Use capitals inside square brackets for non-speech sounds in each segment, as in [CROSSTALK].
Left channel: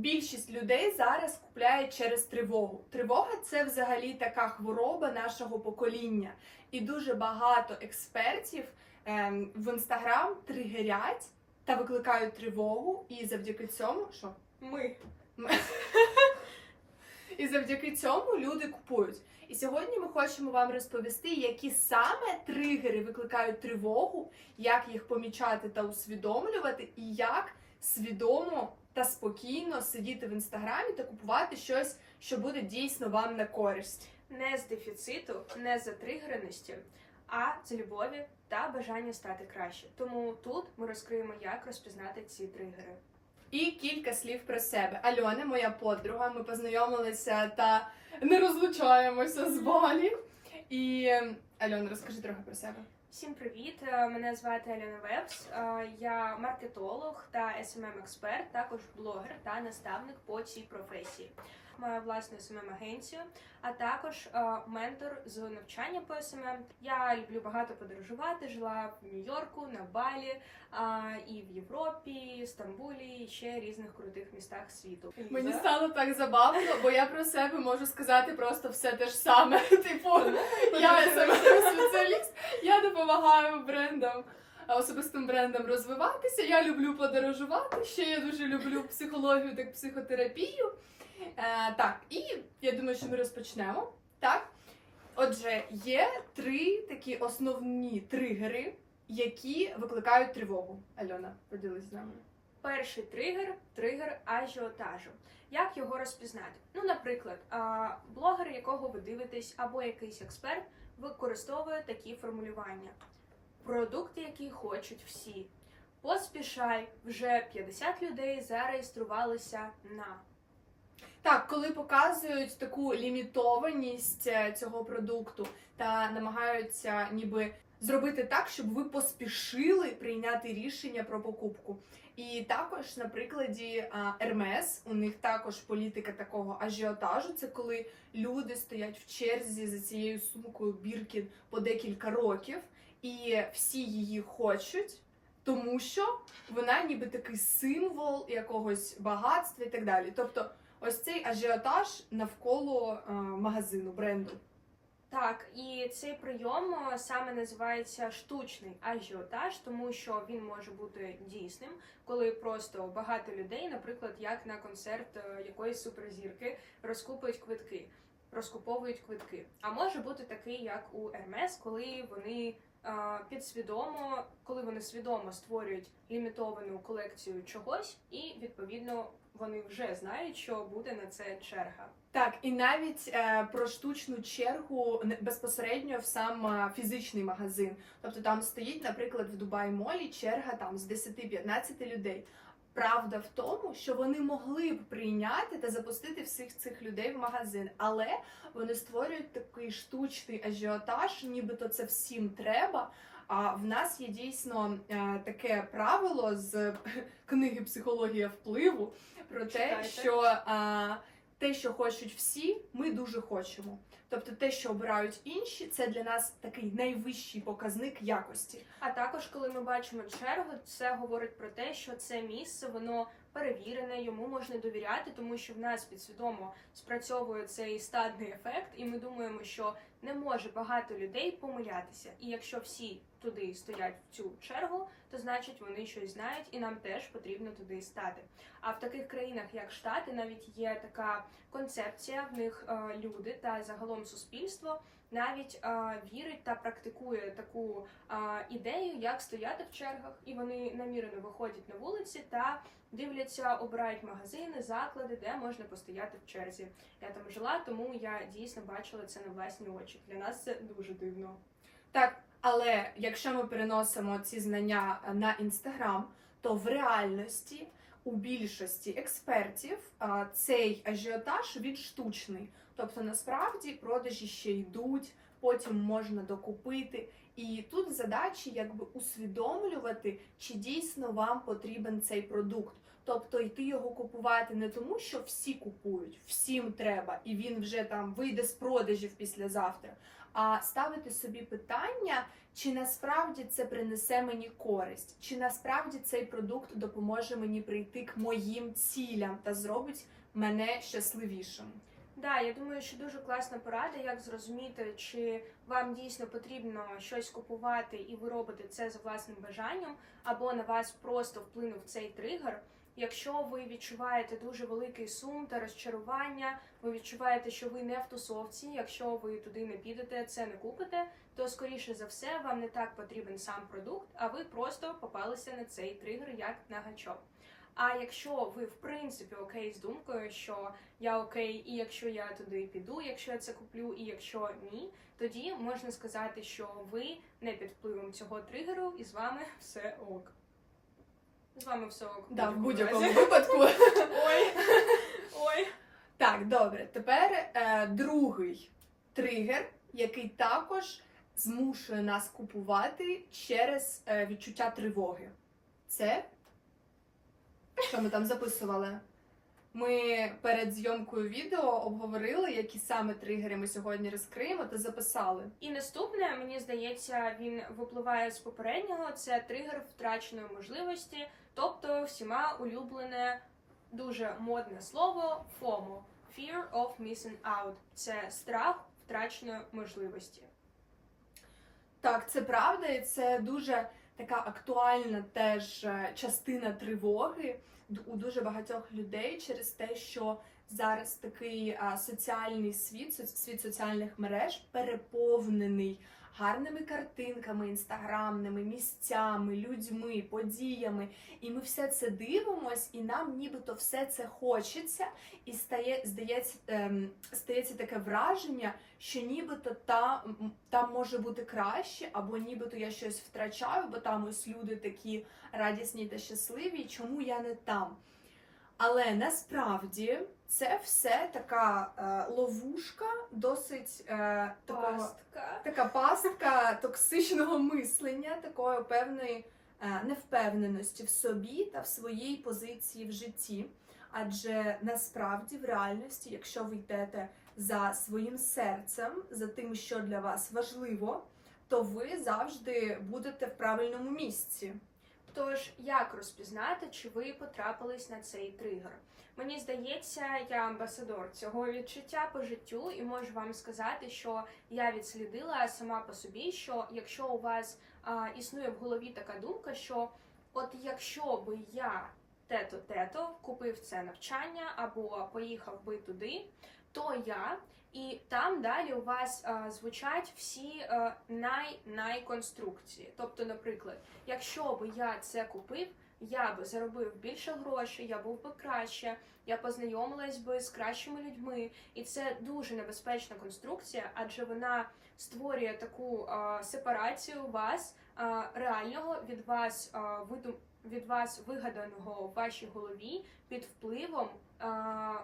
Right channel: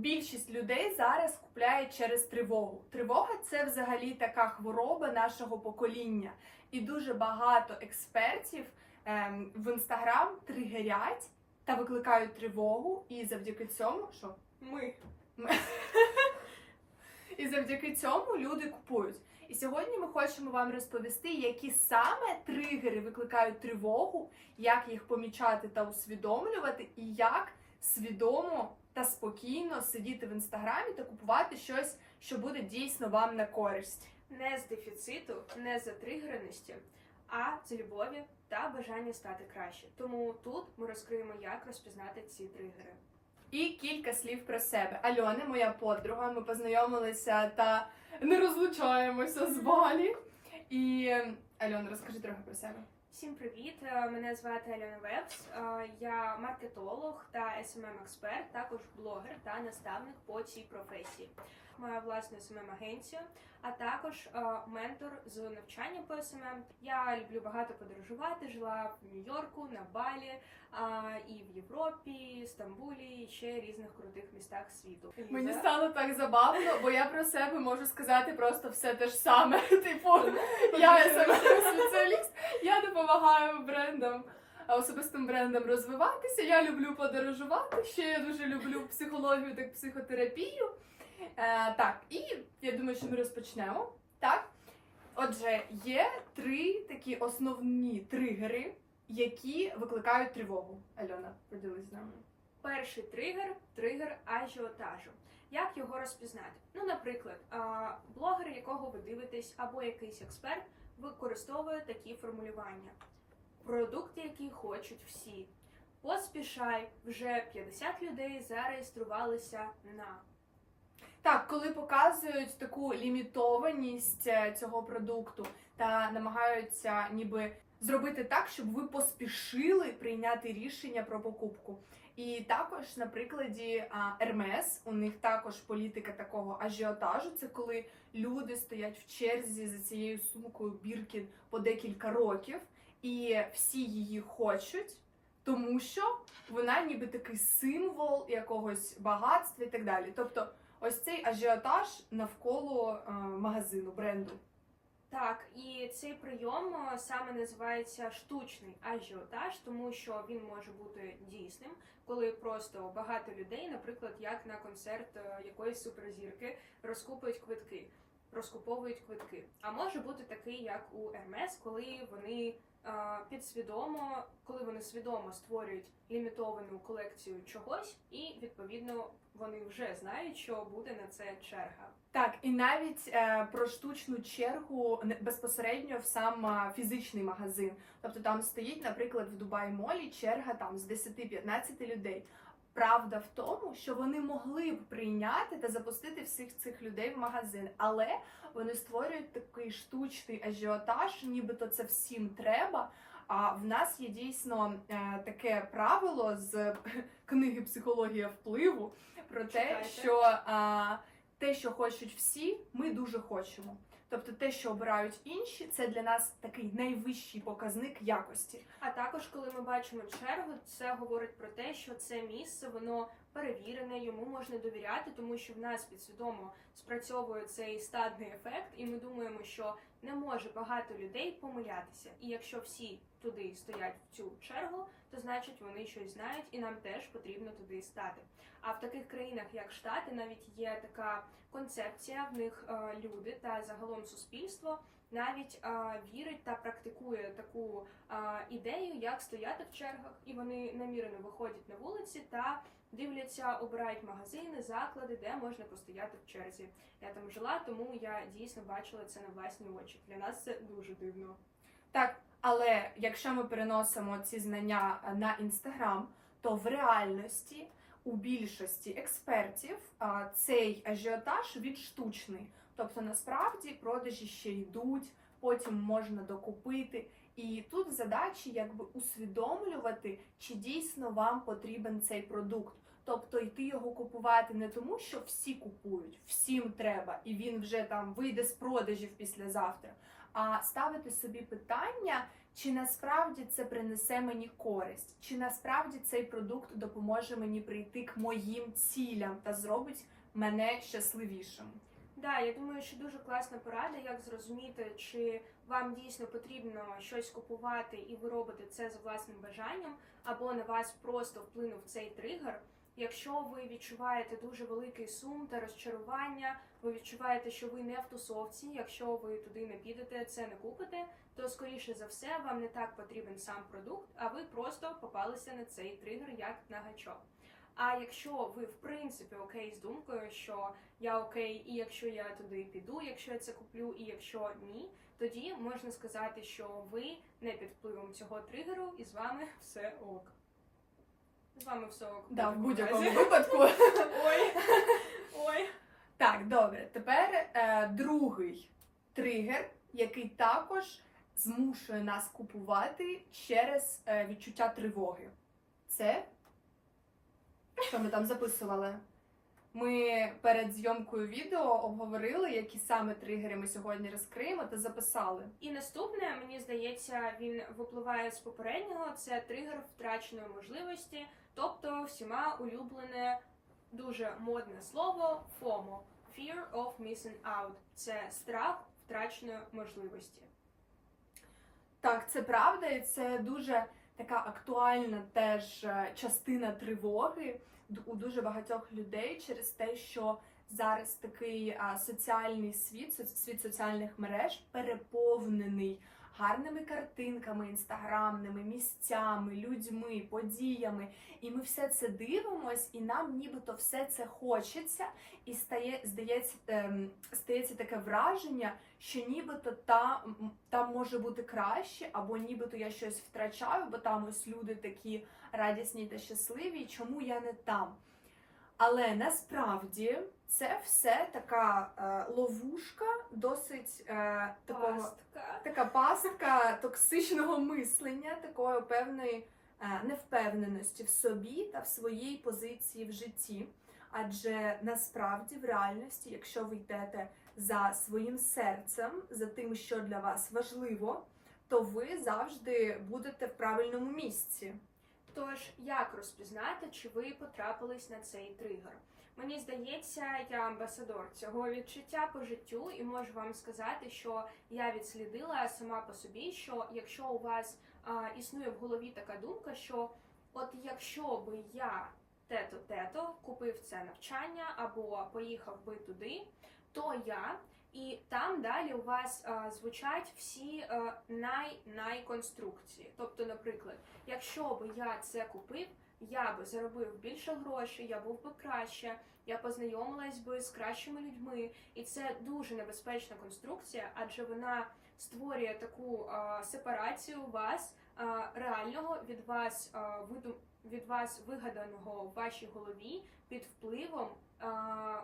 Більшість людей зараз купляє через тривогу. Тривога це взагалі така хвороба нашого покоління, і дуже багато експертів ем, в інстаграм тригерять та викликають тривогу, і завдяки цьому, що Ми. і завдяки цьому люди купують. І сьогодні ми хочемо вам розповісти, які саме тригери викликають тривогу, як їх помічати та усвідомлювати, і як свідомо та спокійно сидіти в інстаграмі та купувати щось, що буде дійсно вам на користь. Не з дефіциту, не з затригереності, а з любові та бажання стати краще. Тому тут ми розкриємо, як розпізнати ці тригери. І кілька слів про себе. Альона, моя подруга, ми познайомилися та не розлучаємося з Балі. І Альона, розкажи трохи про себе. Всім привіт! Е, Мене звати Альона Вебс. Е, Я маркетолог та smm експерт також блогер та наставник по цій професії. Маю власну smm агенцію а також е, ментор з навчання по SMM. Я люблю багато подорожувати. Жила в Нью-Йорку, на Балі, і в Європі, Стамбулі, і ще різних крутих містах світу. Мені стало так забавно, бо я про себе можу сказати просто все те ж саме. [LAUGHS] Типу, я саме спеціаліст, я допомагаю брендам. а Особистим брендам розвиватися. Я люблю подорожувати. Ще я дуже люблю психологію та психотерапію. Е, так, і я думаю, що ми розпочнемо. Так. Отже, є три такі основні тригери, які викликають тривогу. Альона, поділись з нами. Перший тригер тригер ажіотажу. Як його розпізнати? Ну, наприклад, блогер, якого ви дивитесь, або якийсь експерт використовує такі формулювання: продукти, які хочуть всі. Поспішай, вже 50 людей зареєструвалися на. Так, коли показують таку лімітованість е, цього продукту та намагаються ніби зробити так, щоб ви поспішили прийняти рішення про покупку. І також на прикладі Hermes, у них також політика такого ажіотажу. Це коли люди стоять в черзі за цією сумкою Біркін по декілька років, і всі її хочуть. Тому що вона ніби такий символ якогось багатства і так далі. Тобто, ось цей ажіотаж навколо е, магазину, бренду. Так, і цей прийом е, саме називається штучний ажіотаж, тому що він може бути дійсним, коли просто багато людей, наприклад, як на концерт е, якоїсь суперзірки, розкупують квитки, розкуповують квитки. А може бути такий, як у Ермес, коли вони підсвідомо, коли вони свідомо створюють лімітовану колекцію чогось, і відповідно вони вже знають, що буде на це черга. Так, і навіть е, про штучну чергу безпосередньо в сам е, фізичний магазин. Тобто там стоїть, наприклад, в Дубай Молі черга там з 10-15 людей. Правда в тому, що вони могли б прийняти та запустити всіх цих людей в магазин, але вони створюють такий штучний ажіотаж, нібито це всім треба. А в нас є дійсно е, таке правило з [LAUGHS] книги Психологія впливу про те, Читайте. що а, те, що хочуть всі, ми дуже хочемо. Тобто, те, що обирають інші, це для нас такий найвищий показник якості. А також, коли ми бачимо чергу, це говорить про те, що це місце воно перевірене, йому можна довіряти, тому що в нас підсвідомо спрацьовує цей стадний ефект, і ми думаємо, що не може багато людей помилятися. І якщо всі туди стоять в цю чергу, то значить вони щось знають, і нам теж потрібно туди стати. А в таких країнах, як Штати, навіть є така концепція, в них е, люди та загалом суспільство навіть вірить та практикує таку ідею, як стояти в чергах, і вони намірено виходять на вулиці та дивляться, обирають магазини, заклади, де можна постояти в черзі. Я там жила, тому я дійсно бачила це на власні очі. Для нас це дуже дивно. Так, але якщо ми переносимо ці знання на інстаграм, то в реальності у більшості експертів цей ажіотаж він штучний. Тобто насправді продажі ще йдуть, потім можна докупити. І тут задачі якби усвідомлювати, чи дійсно вам потрібен цей продукт. Тобто йти його купувати не тому, що всі купують, всім треба, і він вже там вийде з продажів післязавтра. а ставити собі питання, чи насправді це принесе мені користь, чи насправді цей продукт допоможе мені прийти к моїм цілям та зробить мене щасливішим. Да, я думаю, що дуже класна порада, як зрозуміти, чи вам дійсно потрібно щось купувати, і ви робите це за власним бажанням, або на вас просто вплинув цей тригер. Якщо ви відчуваєте дуже великий сум та розчарування, ви відчуваєте, що ви не в тусовці, якщо ви туди не підете, це не купите, то скоріше за все вам не так потрібен сам продукт, а ви просто попалися на цей тригер як на гачок. А якщо ви в принципі окей з думкою, що я окей, і якщо я туди піду, якщо я це куплю, і якщо ні, тоді можна сказати, що ви не під впливом цього тригеру, і з вами все ок. З вами все ок. Да, в будь-якому випадку. [LAUGHS] Ой. Ой. Так, добре. Тепер е, другий тригер, який також змушує нас купувати через е, відчуття тривоги. Це що ми там записували? Ми перед зйомкою відео обговорили, які саме тригери ми сьогодні розкриємо та записали. І наступне, мені здається, він випливає з попереднього. Це тригер втраченої можливості, тобто всіма улюблене дуже модне слово FOMO – Fear of Missing Out. Це страх втраченої можливості. Так, це правда, і це дуже така актуальна теж е, частина тривоги у дуже багатьох людей через те, що зараз такий соціальний світ, світ соціальних мереж переповнений гарними картинками, інстаграмними, місцями, людьми, подіями. І ми все це дивимось, і нам нібито все це хочеться, і стає, здається, ем, стається таке враження, що нібито та, там може бути краще, або нібито я щось втрачаю, бо там ось люди такі радісні та щасливі, чому я не там. Але насправді це все така е, ловушка, досить е, такого Пастка. така пастка токсичного мислення, такої певної е, невпевненості в собі та в своїй позиції в житті. Адже насправді в реальності, якщо ви йдете за своїм серцем, за тим, що для вас важливо, то ви завжди будете в правильному місці. Тож, як розпізнати, чи ви потрапились на цей тригер? Мені здається, я амбасадор цього відчуття по життю, і можу вам сказати, що я відслідила сама по собі, що якщо у вас а, існує в голові така думка, що от якщо би я тето тето купив це навчання або поїхав би туди, то я. І там далі у вас а, звучать всі а, най найконструкції. Тобто, наприклад, якщо би я це купив, я би заробив більше грошей, я був би краще, я познайомилась би з кращими людьми, і це дуже небезпечна конструкція, адже вона створює таку а, сепарацію вас а, реального від вас а, видум, від вас вигаданого в вашій голові під впливом. А,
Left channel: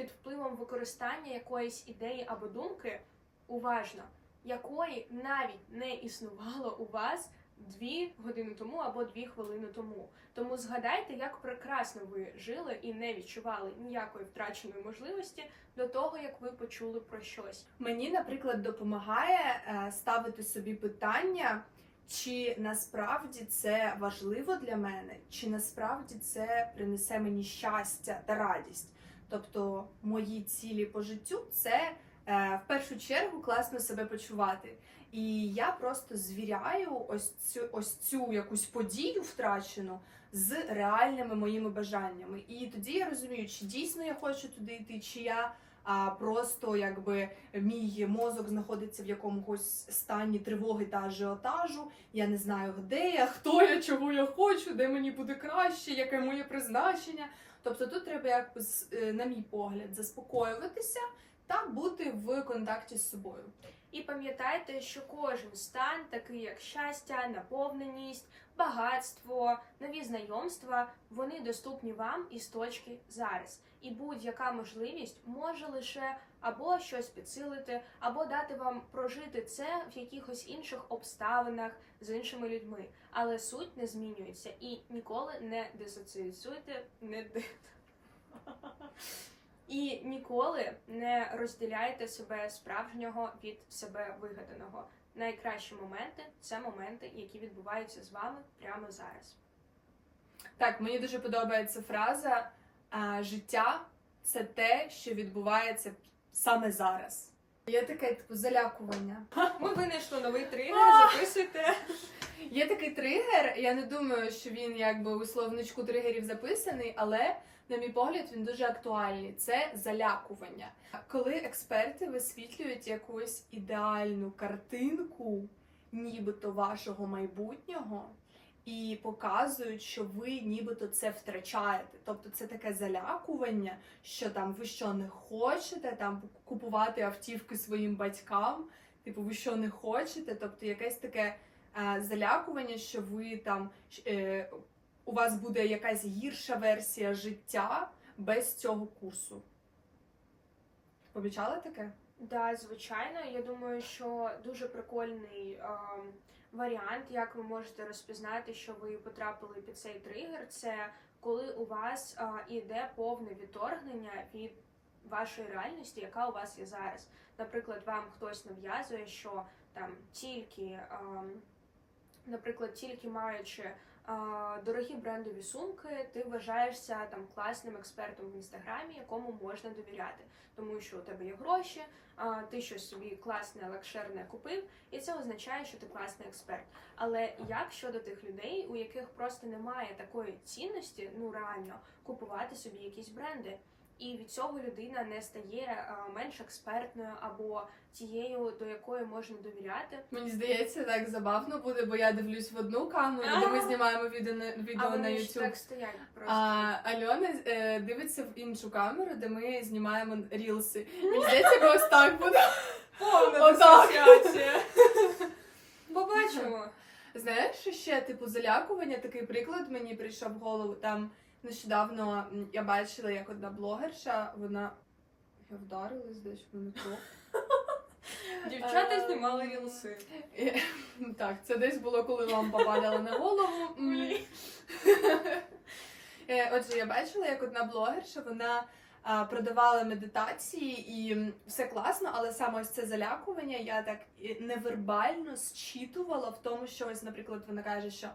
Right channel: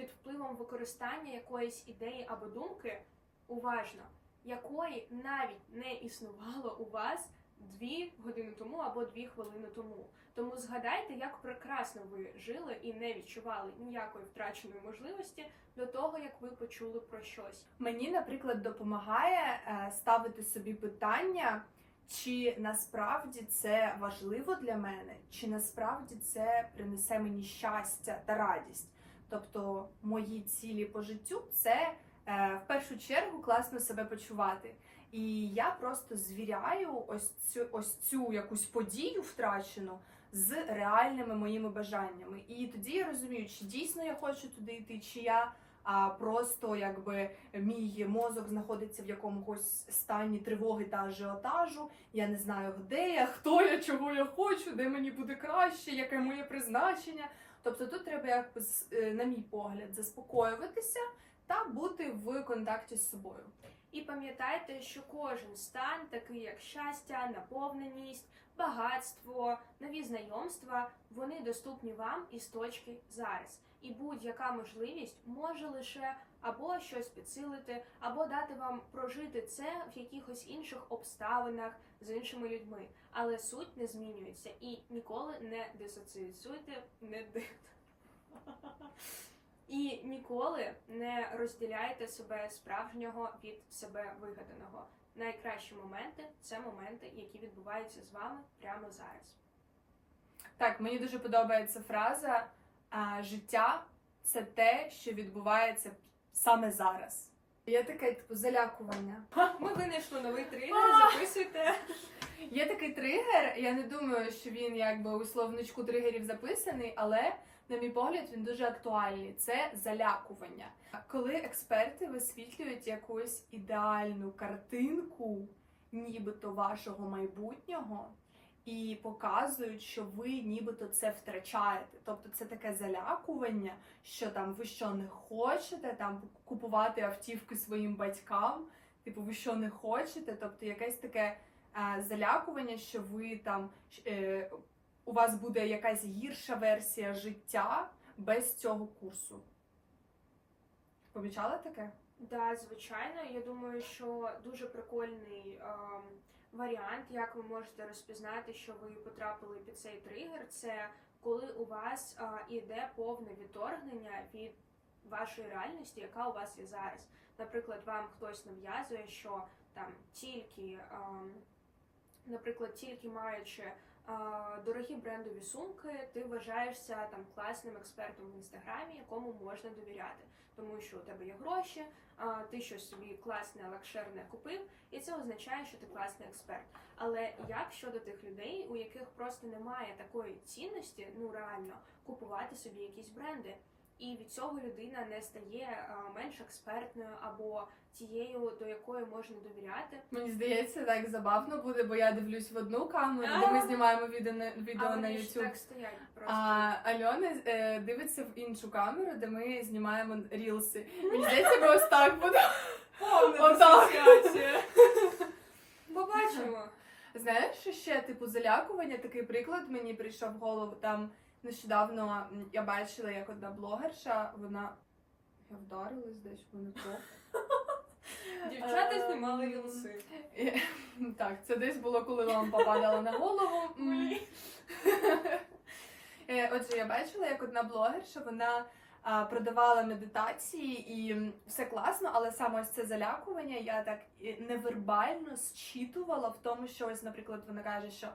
під впливом використання якоїсь ідеї або думки уважно, якої навіть не існувало у вас дві години тому або дві хвилини тому. Тому згадайте, як прекрасно ви жили і не відчували ніякої втраченої можливості до того, як ви почули про щось. Мені, наприклад, допомагає е, ставити собі питання, чи насправді це важливо для мене, чи насправді це принесе мені щастя та радість. Тобто, мої цілі по життю це е, в першу чергу класно себе почувати. І я просто звіряю ось цю ось цю якусь подію втрачену з реальними моїми бажаннями. І тоді я розумію, чи дійсно я хочу туди йти, чи я а просто якби мій мозок знаходиться в якомусь стані тривоги та ажіотажу. Я не знаю, де я, хто я, чого я хочу, де мені буде краще, яке моє призначення. Тобто тут треба якось, е, на мій погляд, заспокоюватися та бути в контакті з собою. І пам'ятайте, що кожен стан, такий як щастя, наповненість, багатство, нові знайомства, вони доступні вам із точки зараз. І будь-яка можливість може лише або щось підсилити, або дати вам прожити це в якихось інших обставинах з іншими людьми. Але суть не змінюється і ніколи не дисоціюйте, не ди- [LAUGHS] І ніколи не розділяйте себе справжнього від себе вигаданого. Найкращі моменти це моменти, які відбуваються з вами прямо зараз. Так, мені дуже подобається фраза життя це те, що відбувається саме зараз. Є таке типу залякування. Ми винайшли новий тригер, записуйте. Є такий тригер. Я не думаю, що він якби у словничку тригерів записаний, але на мій погляд він дуже актуальний. Це залякування. Коли експерти висвітлюють якусь ідеальну картинку, нібито вашого майбутнього. І показують, що ви нібито це втрачаєте. Тобто це таке залякування, що там ви що не хочете там купувати автівки своїм батькам, типу, ви що не хочете, тобто якесь таке е, залякування, що ви там е, у вас буде якась гірша версія життя без цього курсу. Помічала таке? Да, звичайно. Я думаю, що дуже прикольний ем, варіант, як ви можете розпізнати, що ви потрапили під цей тригер, це коли у вас іде повне відторгнення від вашої реальності, яка у вас є зараз. Наприклад, вам хтось нав'язує, що там тільки, наприклад, тільки маючи дорогі брендові сумки, ти вважаєшся там класним експертом в інстаграмі, якому можна довіряти, тому що у тебе є гроші, ти щось собі класне, лакшерне купив, і це означає, що ти класний експерт. Але як щодо тих людей, у яких просто немає такої цінності, ну реально купувати собі якісь бренди, і від цього людина не стає менш експертною або тією, до якої можна довіряти. Мені здається, так забавно буде, бо я дивлюсь в одну камеру, де ми знімаємо відео на відео на YouTube. так стоять просто. А Альона е, дивиться в іншу камеру, де ми знімаємо рілси. Мені здається, ми ось так буде. Повна. [LAUGHS] Побачимо. Знаєш, ще типу залякування, такий приклад мені прийшов в голову. Там нещодавно я бачила, як одна блогерша, вона я вдарилась десь в метро. [LAUGHS] Дівчата Ем, знімали рілси. [LAUGHS] Так, це десь було, коли лампа падала на голову. Е, Отже, я бачила, як одна блогерша вона продавала медитації, і все класно, але саме ось це залякування я так невербально зчитувала в тому, що ось, наприклад, вона каже, що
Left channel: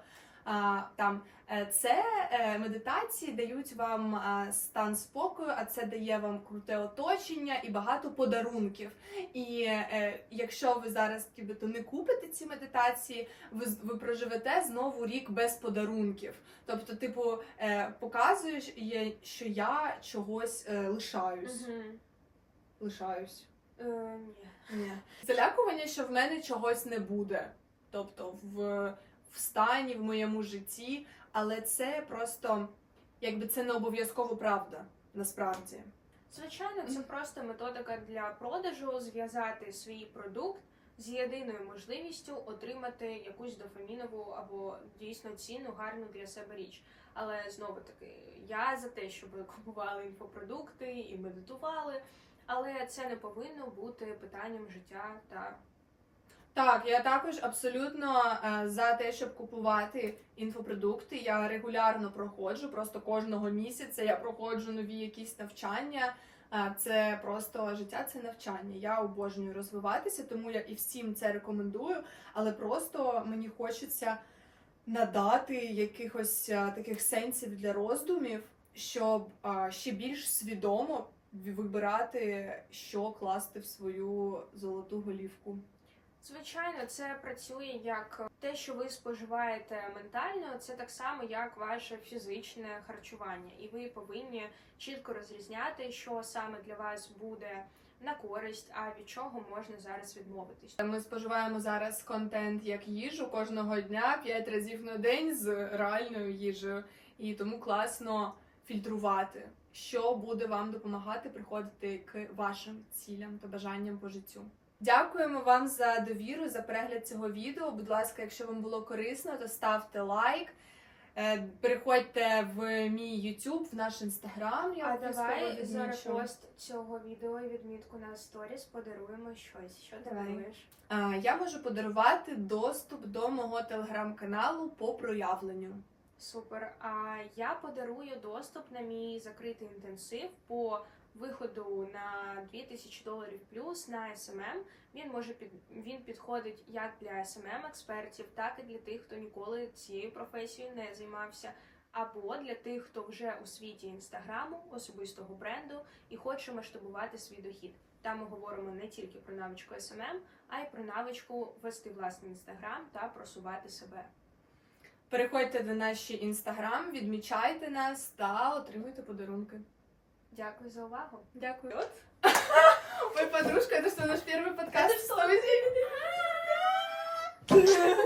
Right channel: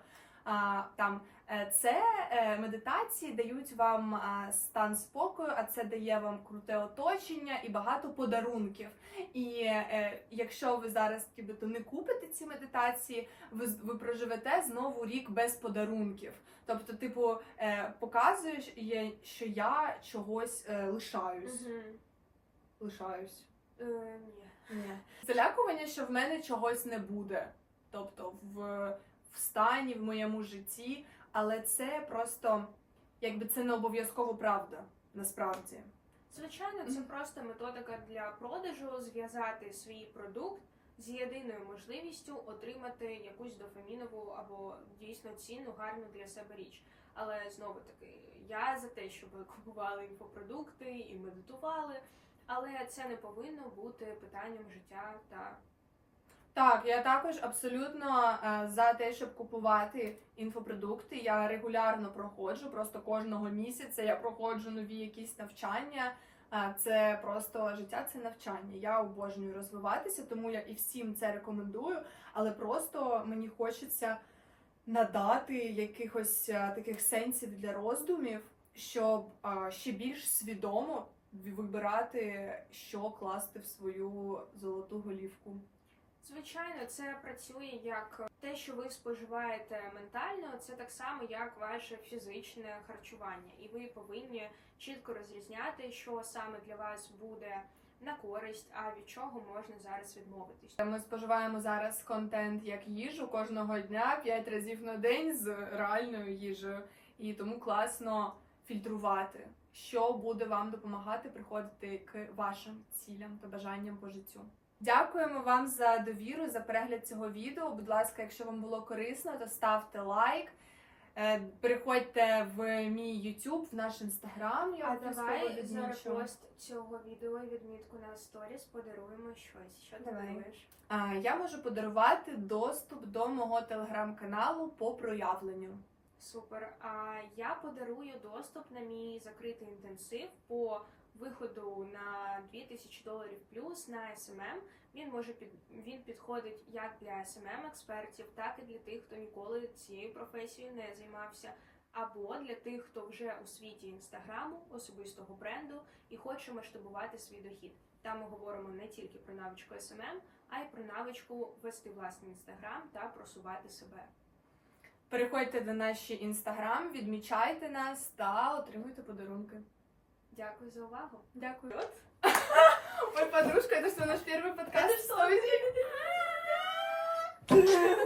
а, там е, це е, медитації дають вам стан спокою, а це дає вам круте оточення і багато подарунків. І е, якщо ви зараз нібито не купите ці медитації, ви, ви проживете знову рік без подарунків. Тобто, типу, е, показуєш, що я чогось е, лишаюсь. Мгм. Лишаюсь. Е, Ні. Ні. Залякування, що в мене чогось не буде. Тобто в, в стані, в моєму житті, але це просто якби це не обов'язково правда, насправді. Звичайно, це просто методика для продажу зв'язати свій продукт з єдиною можливістю отримати якусь дофамінову або дійсно цінну, гарну для себе річ. Але знову таки, я за те, щоб [LAUGHS] купували інфопродукти і медитували, але це не повинно бути питанням життя та Так, я також абсолютно е, за те, щоб купувати інфопродукти. Я регулярно проходжу, просто кожного місяця я проходжу нові якісь навчання. Е, Це просто життя, це навчання. Я обожнюю розвиватися, тому я і всім це рекомендую. Але просто мені хочеться надати якихось е, таких сенсів для роздумів, щоб ще більш свідомо вибирати, що класти в свою золоту голівку. Звичайно, це працює як те, що ви споживаєте ментально, це так само, як ваше фізичне харчування, і ви повинні чітко розрізняти, що саме для вас буде на користь, а від чого можна зараз відмовитись. Ми споживаємо зараз контент як їжу кожного дня, 5 разів на день з реальною їжею, і тому класно фільтрувати, що буде вам допомагати приходити к вашим цілям та бажанням по життю. Дякуємо вам за довіру, за перегляд цього відео. Будь ласка, якщо вам було корисно, то ставте лайк. Е, Переходьте в мій YouTube, в наш інстаграм. Я А давай за репост цього відео і відмітку на сторіс подаруємо щось. Що Давай. даруєш? А, Я можу подарувати доступ до мого телеграм-каналу по проявленню. Супер. А я подарую доступ на мій закритий інтенсив по виходу на 2000 доларів плюс на SMM. Він може під він підходить як для SMM експертів, так і для тих, хто ніколи цією професією не займався, або для тих, хто вже у світі інстаграму, особистого бренду і хоче масштабувати свій дохід. Там ми говоримо не тільки про навичку SMM, а й про навичку вести власний інстаграм та просувати себе. Переходьте до наші інстаграм, відмічайте нас та отримуйте подарунки. Дякую за увагу. Дякую. [LAUGHS] Ой, подружка, это что, наш первый подкаст? [LAUGHS]